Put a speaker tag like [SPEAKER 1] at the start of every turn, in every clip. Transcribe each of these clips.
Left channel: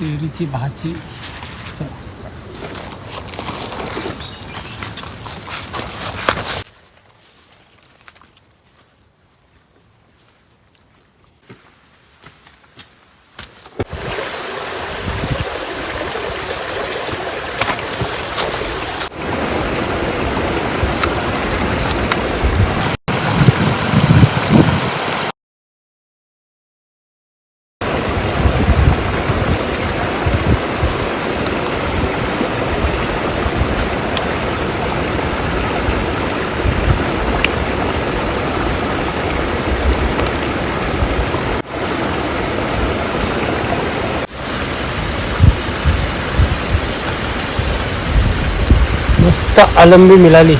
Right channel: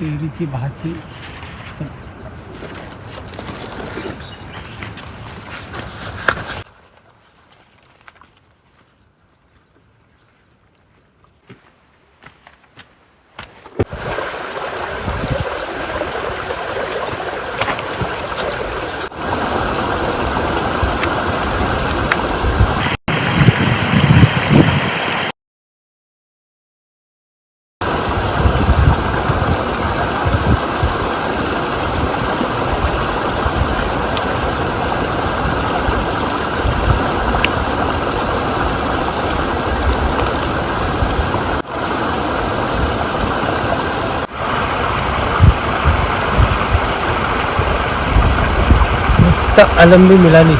[SPEAKER 1] तेरीची भाजी चला मस्त आलंबी मिळाली.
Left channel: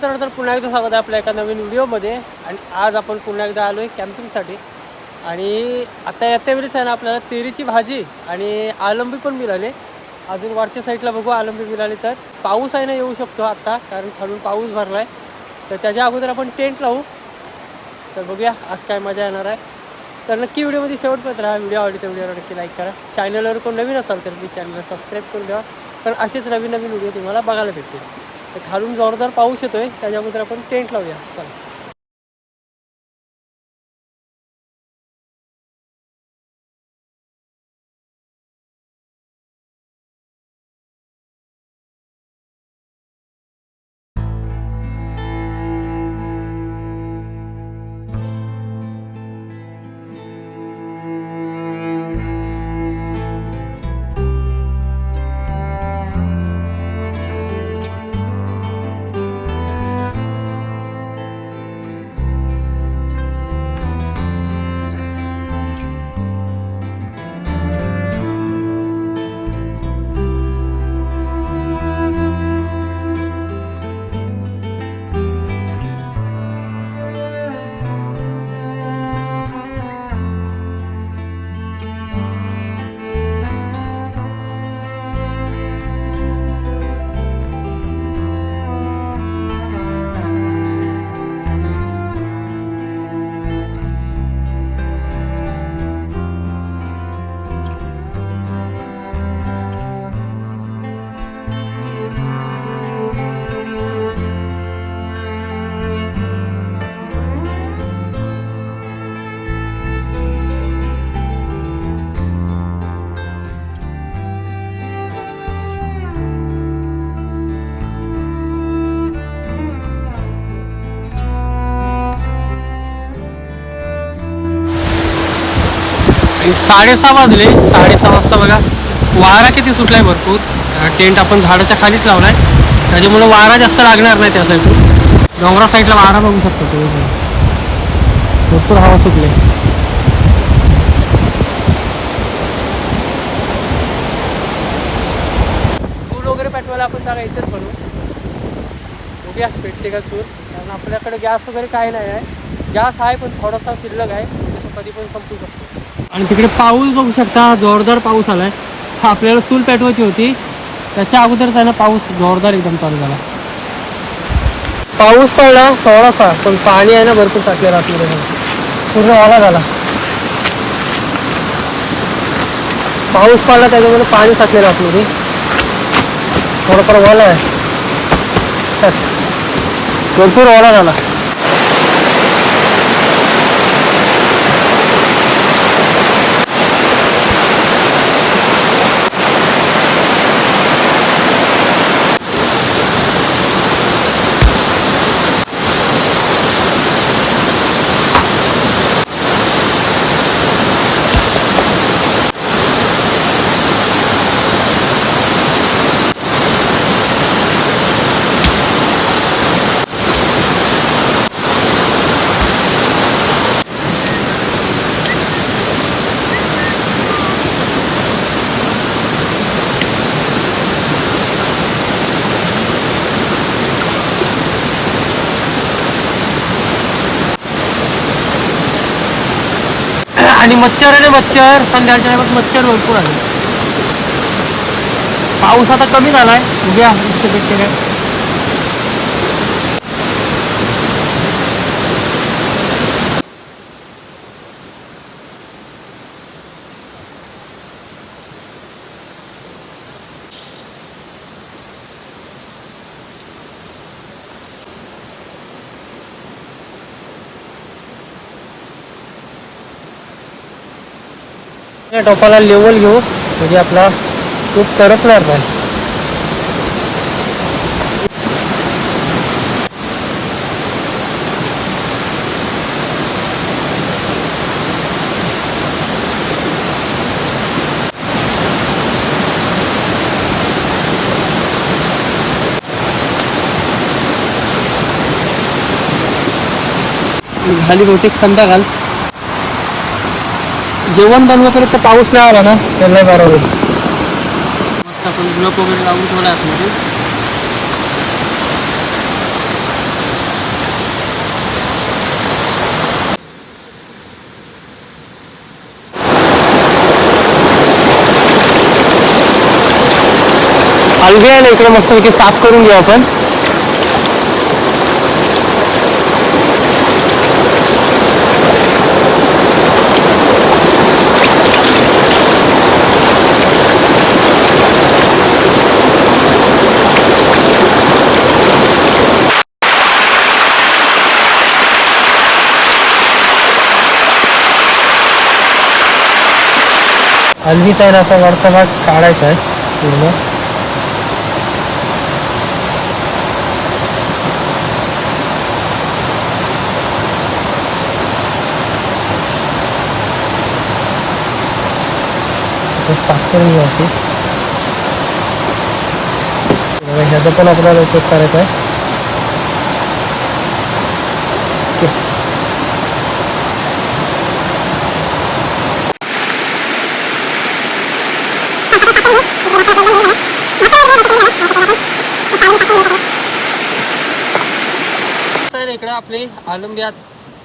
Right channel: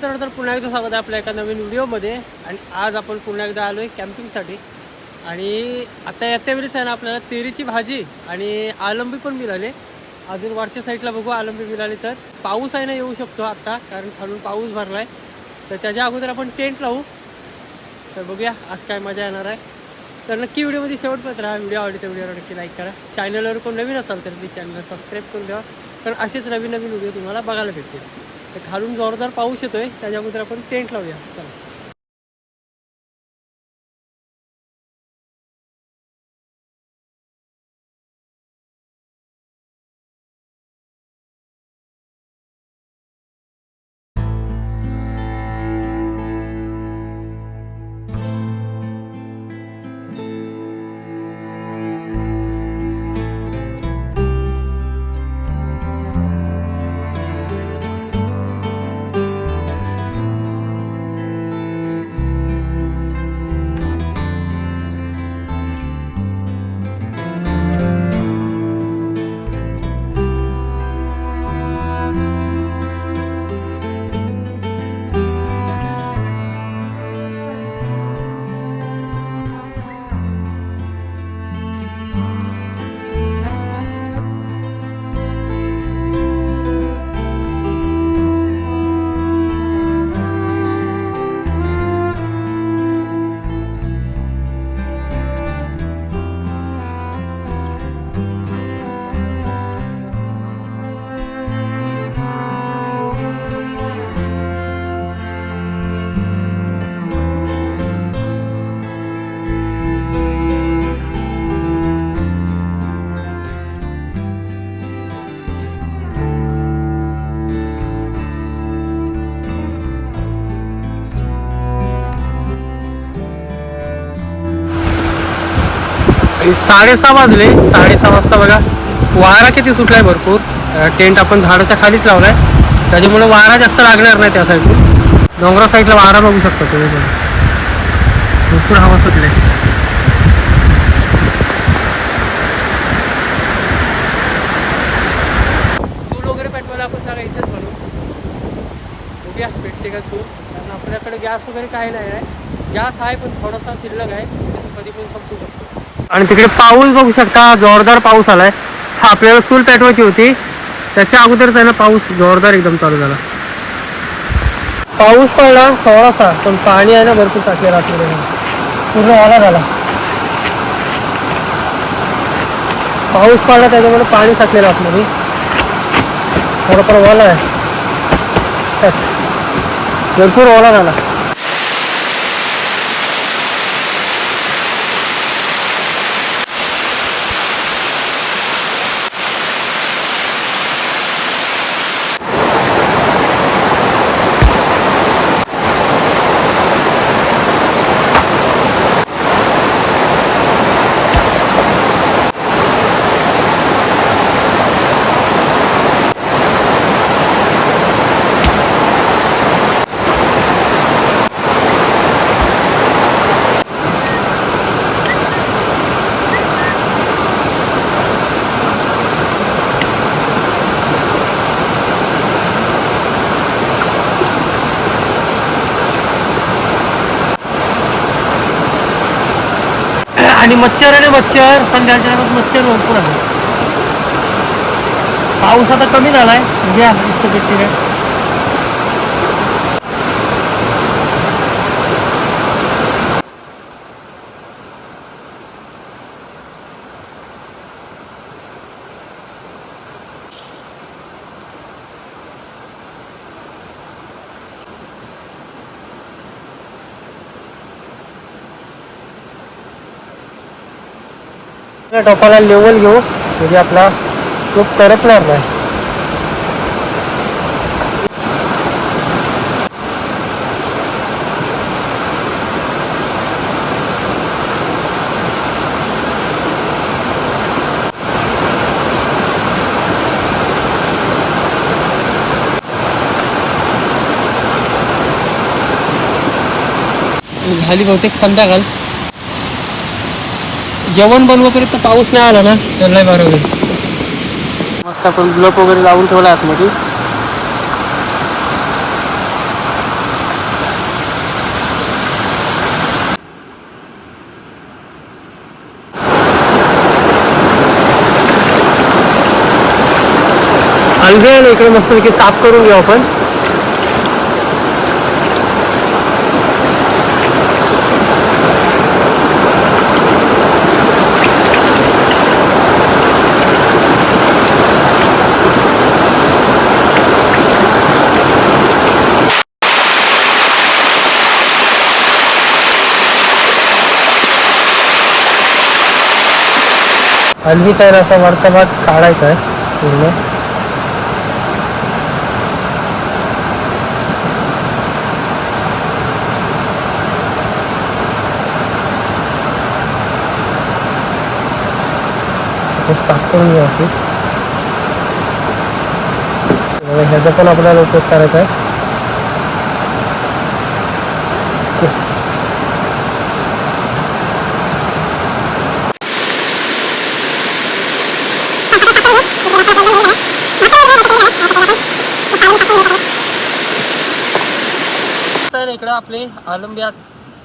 [SPEAKER 1] मित्रांनो तर पुन्हा एकदा स्वागत आहे आपल्या एका नवीन व्हिडिओमध्ये. आणि आज आपण पुन्हा एकदा आलो आहे कॅम्पिंगसाठी. आणि आता येत्या वेळेस आहे ना आपल्याला तेरीची भाजी आणि आलंबी पण मिळाली. अजून वरच्या साईडला बघू आलंबी मिळाली तर. पाऊस आहे ना येऊ शकतो आत्ता कारण खालून पाऊस भरला आहे तर त्याच्या अगोदर आपण टेंट लावू. तर बघूया आज काय मजा येणार आहे. तर नक्की व्हिडिओमध्ये शेवटपर्यंत राहा. व्हिडिओ आवडली तर व्हिडिओला नक्की लाईक करा. चॅनलवर कोण नवीन असाल तर प्लीज चॅनलला सबस्क्राईब करून ठेवा. कारण असेच नवीन नवीन व्हिडिओ तुम्हाला बघायला भेटतील. तर खालून जोरदार पाऊस येतोय त्याच्या अगोदर आपण टेंट लावूया. चला. आणि साडेसहा वाजले. साडेसहा वाजता बघा. वारा किती सुटलाय भरपूर. टेंट आपण झाडाच्या खालीच लावलाय. त्याच्यामुळे वारा जास्त लागणार नाही त्या साईडून डोंगरा साईडला वारा बघू शकतो तुम्ही भरपूर हवा सुटले. चूल वगैरे पेटवायला आपण जागा इथेच बनवू बघूया पेटते का चूल कारण आपल्याकडे गॅस वगैरे काही नाही आहे. गॅस आहे पण थोडासा शिल्लक आहे. म्हणजे तो कधी पण संपू शकतो. आणि तिकडे पाऊस बघू शकता जोरदार पाऊस आलाय. हा आपल्याला चूल पेटवायची होती. त्याच्या अगोदर त्याला पाऊस जोरदार एकदम चालू झाला. पाऊस पडला थोडासा पण पाणी आहे ना भरपूर टाकलेलं आतमध्ये पूर्ण ओला झाला. पाऊस पडला त्याच्यामुळे पाणी साचलेलं आतमध्ये थोडंफार वाला आहे. भरपूर ओला झाला. आणि मच्छर आणि मच्छर. संध्याकाळच्या टायमात मच्छर भरपूर आले. पाऊस आता कमी झालाय. उद्या इतकं भेटते काय? या टोपाला लेवल घेऊ म्हणजे आपला टोप करपणार नाही. झाली बहुतेक संध्याकाळ. जेवण बनवापर्यंत पाऊस नाही आला ना? तर नाही बरोबर मस्त आपण ब्लॉक वगैरे लावून ठेवला आतमध्ये. अलगे आहे ना इकडे मस्त साफ करून घेऊ आपण. हल्वी तर असा वरचा भाग काढायचा आहे पूर्ण. साफ करून घेऊ अशी. ह्याचा पण आपल्याला उपयोग करायचा आहे ओके. मस्त आहे ना इकडं आपले आलंब्यात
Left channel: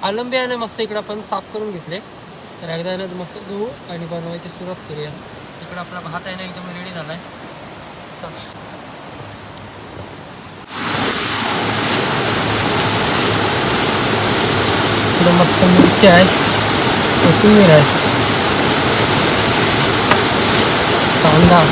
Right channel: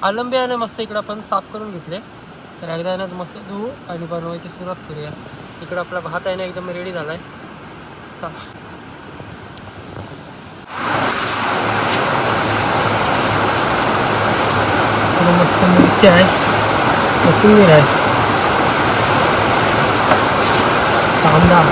[SPEAKER 1] आलंब्यानं मस्त इकडं आपण साफ करून घेतले. तर एकदा आहे ना मस्त धुवू आणि बनवायची सुरुवात करूया. इकडं आपला भात आहे ना एकदम रेडी झालाय. चला. मस्त मिरची आहे. कोथिंबीर आहे. कांदा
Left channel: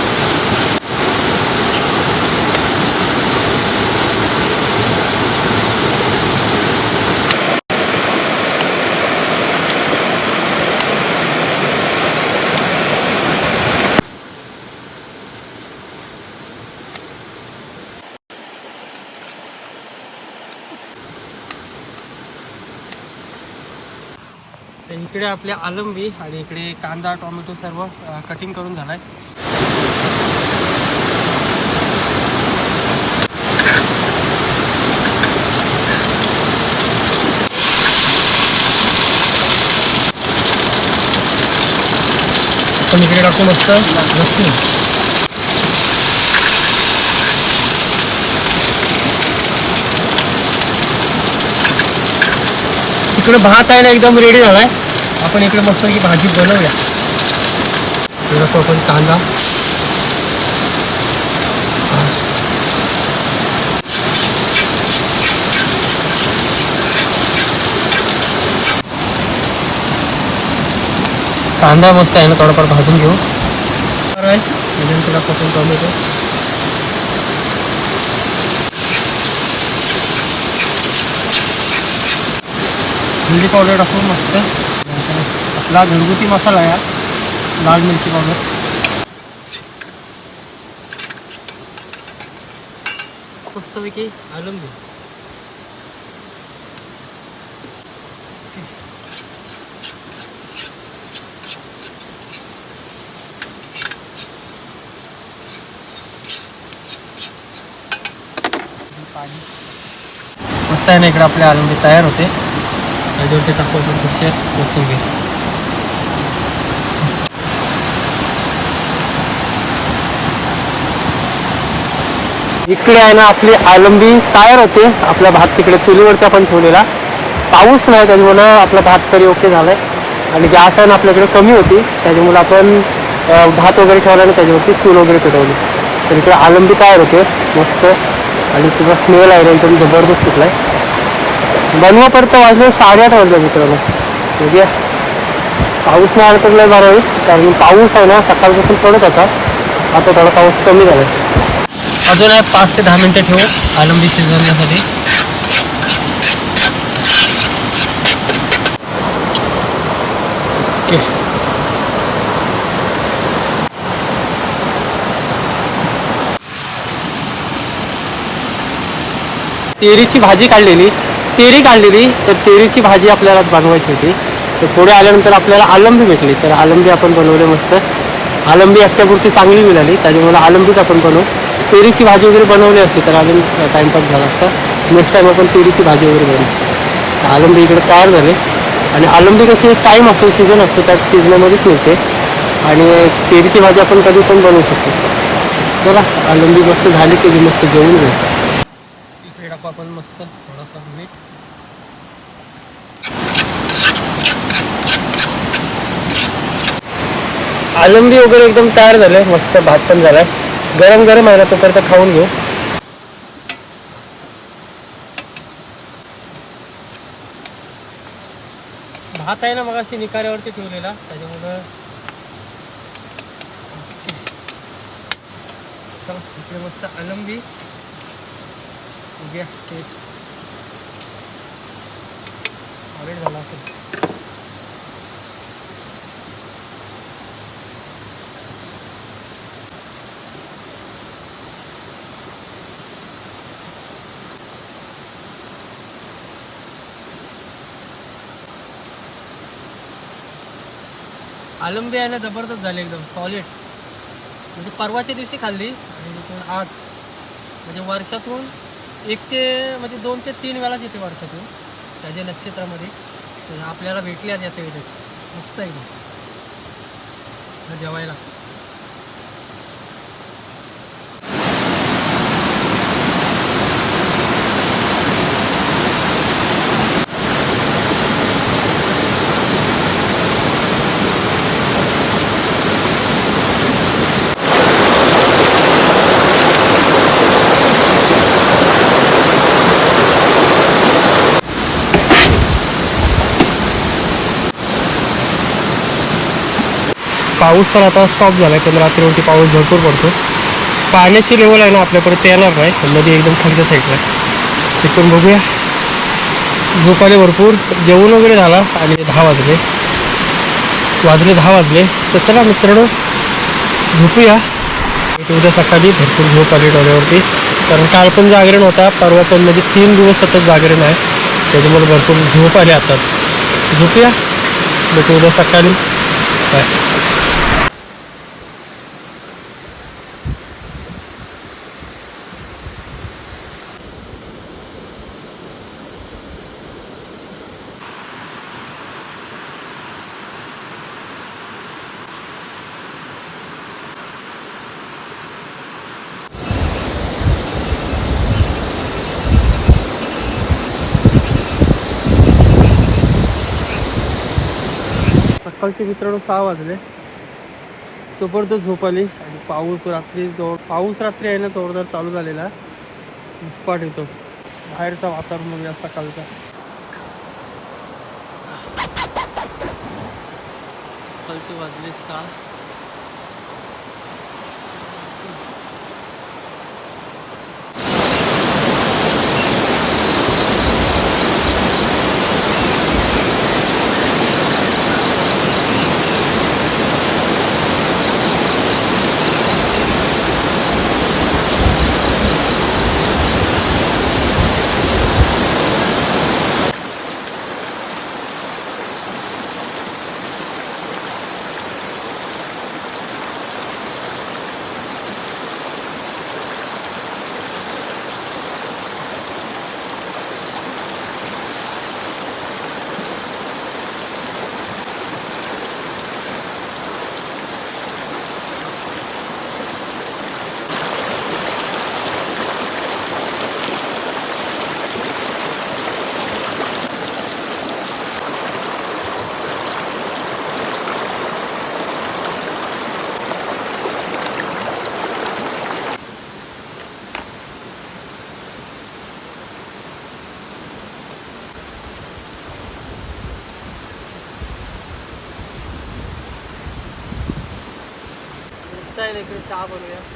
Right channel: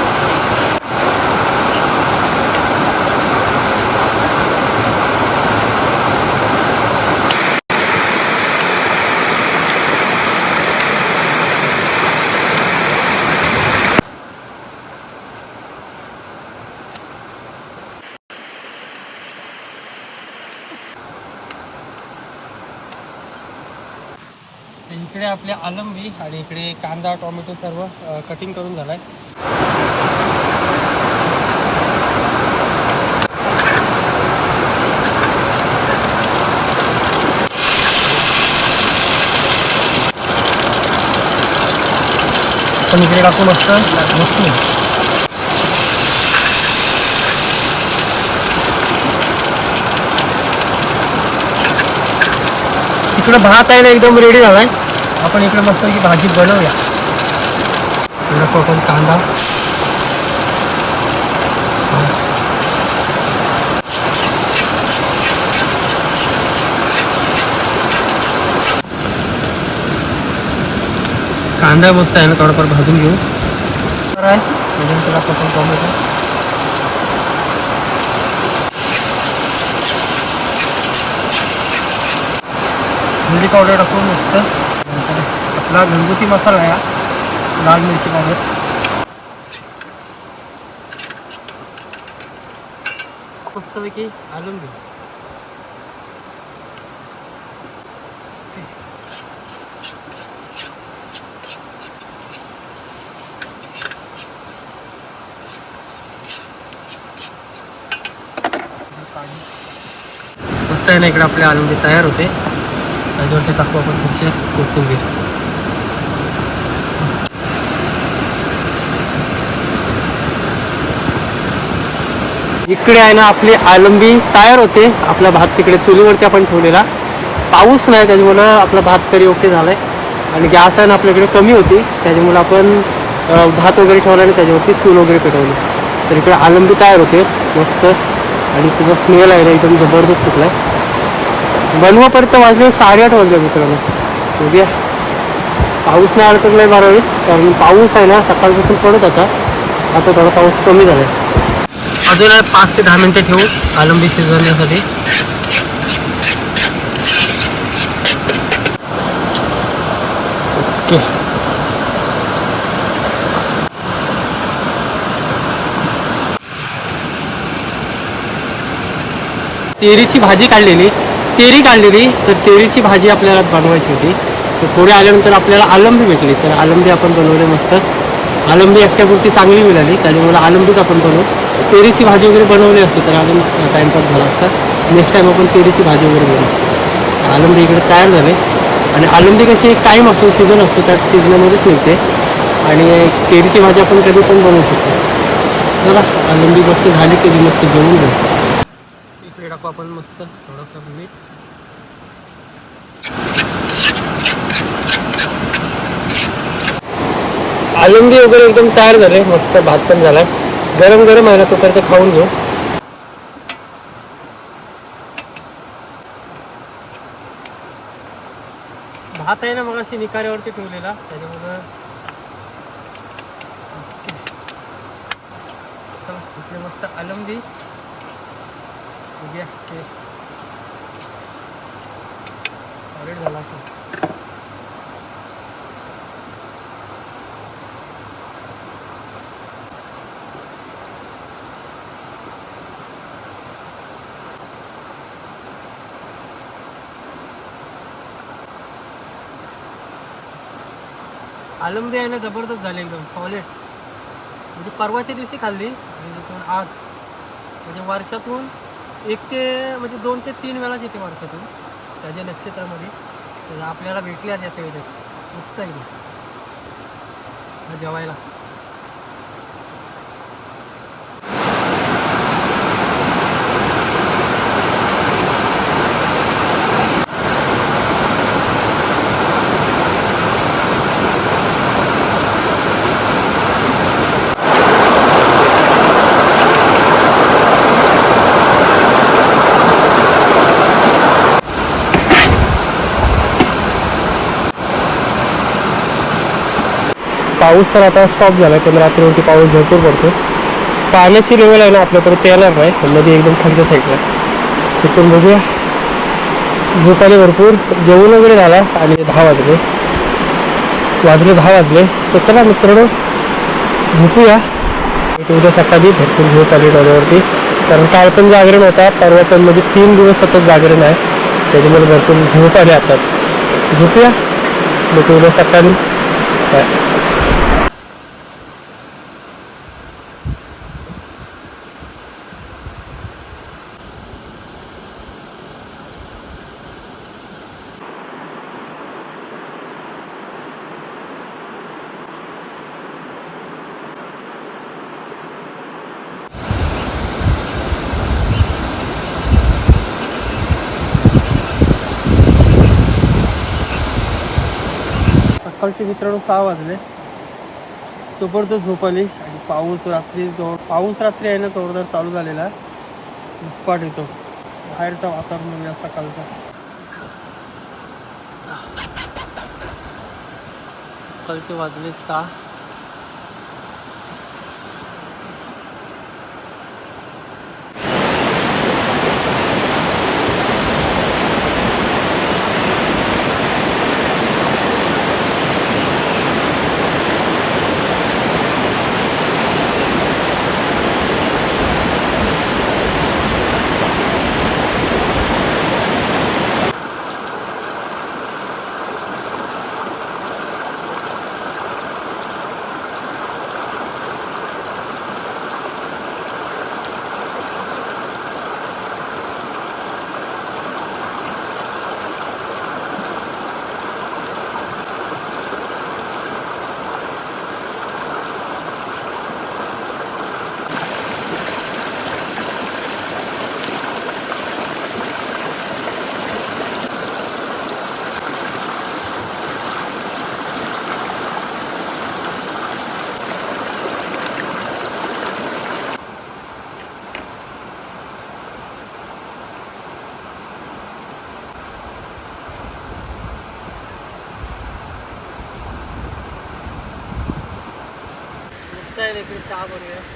[SPEAKER 1] तर इकडे आपले आलंबी आणि इकडे कांदा टोमॅटो सर्व कटिंग करून झालाय. आपण इकडे टाकू मस्त इकडे भात आहे ना एकदम रेडी झालाय. आपण इकडे मस्त ही भाजी बनवूया. इकडे आपण कांदा. कांदा मस्त आहे ना थोडाफार भाजून घेऊ. आहे त्याच्यानंतर आपण टोमॅटो मिरची पावडर टाकू मस्त. आपला घरगुती मसाला आहे हा. लाल मिरची पावडर. मस्तपैकी आलंबी. पाणी मस्त आहे ना इकडे आपले आलंबी तयार होते. त्याच्यावरती टाकू आपण पुढच्या कोथिंबीर. इकडे आहे ना आपली आलंबी तयार होते. आपला भात तिकडे चुलीवरती आपण ठेवलेला. पाऊस नाही त्याच्यामुळं आपला भात तरी ओके झालाय. आणि गॅस आहे ना आपल्याकडे कमी होती. त्याच्यामुळे आपण भात वगैरे ठेवला आणि त्याच्यावरती चूल वगैरे पेटवली. तर इकडे आलंबी तयार होते. मस्त. आणि तुझा स्मेल आहे ना एकदम जबरदस्त सुटलाय. बनवापर्यंत वाजले साडेआठ वाजले मित्रांनो. बघूया. पाऊस नाही आला तर लय बरं होईल कारण पाऊस आहे ना सकाळपासून पडत होता. आता थोडा पाऊस कमी झालाय. अजून आहे पाच ते दहा मिनटं ठेवू आलंबी शिजवण्यासाठी. ओके. तेरीची भाजी काढलेली. तेरी काढलेली तर तेरीची भाजी आपल्याला बनवायची होती. तर पुढे आल्यानंतर आपल्याला आलंबी भेटली. तर आलंबी आपण बनवले मस्त. आलंबी एकट्यापुरती चांगली मिळाली. त्याच्यामुळे आलंबीच आपण बनवू. तेरीची भाजी वगैरे बनवली असती तर अजून टाईमपास झाला असता. नेक्स्ट टाईम आपण तेरीची भाजी वगैरे बनवू. आलंबी इकडे तयार झाले. आणि आलंबी कशी एक टाईम असतो सीझन असतो त्या सीझनामध्येच मिळते. आणि तेरीची भाजी आपण कधी पण बनवू शकतो. चला आलंबी मस्त झाली की मस्त जेवून घेऊ. इकडे टाकू आपण मस्त थोडासा मीठ. आलंबी वगैरे एकदम तयार झाले. मस्त भात पण झालाय. गरम गरम आहे ना तोपर्यंत खाऊन घेऊ. भात आहे ना मग अशी निकाऱ्यावरती ठेवलेला त्याच्यामुळं. इकडे मस्त आलंबी. उद्या ते. सॉलिड झाला असेल. आलंबी आहे ना जबरदस्त झाले एकदम सॉलिड म्हणजे परवाच्या दिवशी खाल्ली आणि तिथून आज. म्हणजे वर्षातून एक ते म्हणजे दोन ते तीन वेळाच येते वर्षातून त्याच्या नक्षत्रामध्ये. तर आपल्याला भेटल्या आज वेळेस मस्त एकदम. जेवायला. पाऊस तर आता स्टॉप झाला आहे पण रात्रीवरती पाऊस भरपूर पडतो पाण्याची लेवल आहे ना आपल्याकडे ते येणार नाही. नदी एकदम खालच्या साईडला तिथून बघूया. झोपाले भरपूर. जेवण वगैरे झाला आणि दहा वाजले. वाजले दहा वाजले. तर चला मित्रांनो झोपूया. उद्या सकाळी भरपूर झोप आली डोळ्यावरती. कारण काल पण जागरण होता. परवा पण म्हणजे तीन दिवस सतत जागरण आहे. त्याच्यामुळे भरपूर झोप आले आता. झोपूया. भेटू उद्या सकाळी. बाय सकाळचे मित्रांनो सहा वाजले. जबरदस्त झोप आली आणि पाऊस रात्री जोर पाऊस रात्री आहे ना जोरदार चालू झालेला. दुष्पाट येतो. बाहेरचा वातावरण म्हणजे बघूया सकाळचा. सकाळचे वाजले सहा. ना इकडे चहा बनवूया त्या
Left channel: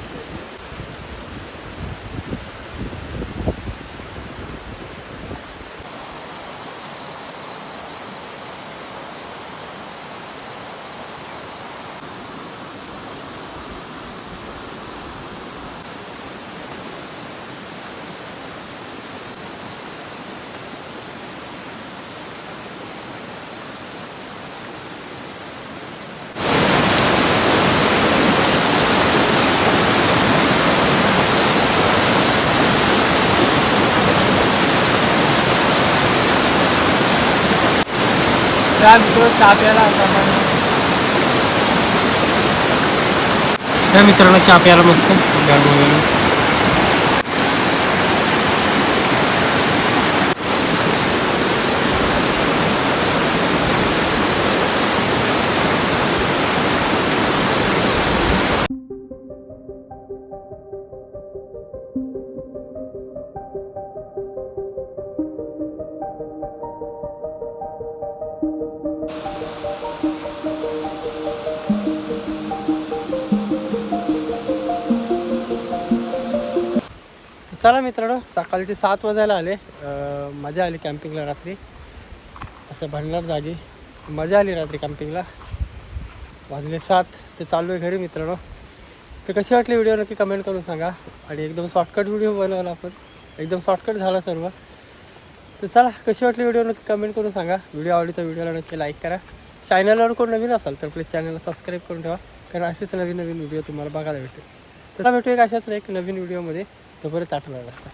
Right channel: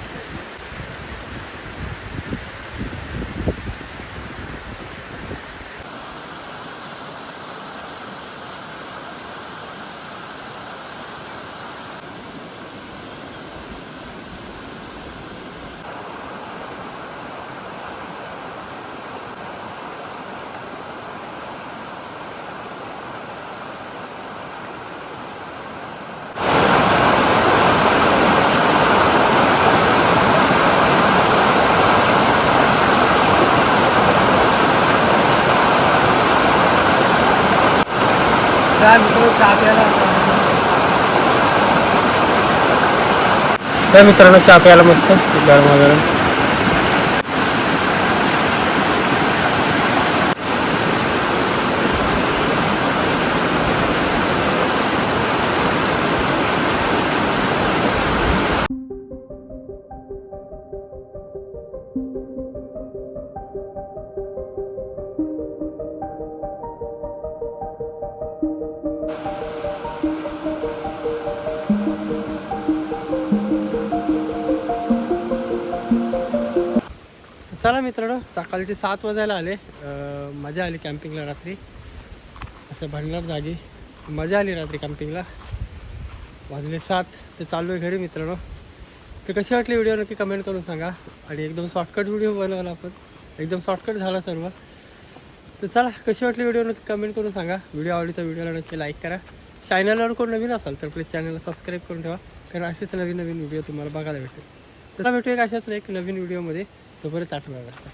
[SPEAKER 1] मित्र चहा आता त्या मित्रांनो चहा प्यायला मस्त. गरम वगैरे. चला मित्रांनो सकाळचे सात वाजायला आले. मजा आली कॅम्पिंगला रात्री. असं भंडार जागी मजा आली रात्री कॅम्पिंगला. वाजले सात ते चालू आहे घरी मित्रांनो. तर कशी वाटली व्हिडिओ नक्की कमेंट करून सांगा. आणि एकदम शॉर्टकट व्हिडिओ बनवला आपण. एकदम शॉर्टकट झाला सर्व. तर चला कशी वाटली व्हिडिओ नक्की कमेंट करून सांगा. व्हिडिओ आवडली तर व्हिडिओला नक्की लाईक करा. चॅनलवर कोण नवीन असाल तर प्लीज चॅनलला सबस्क्राईब करून ठेवा. कारण असेच नवीन नवीन व्हिडिओ तुम्हाला बघायला भेटेल. तर भेटूया एक अशाच एक नवीन व्हिडिओमध्ये. तोपर्यंत आठवड्या वाजता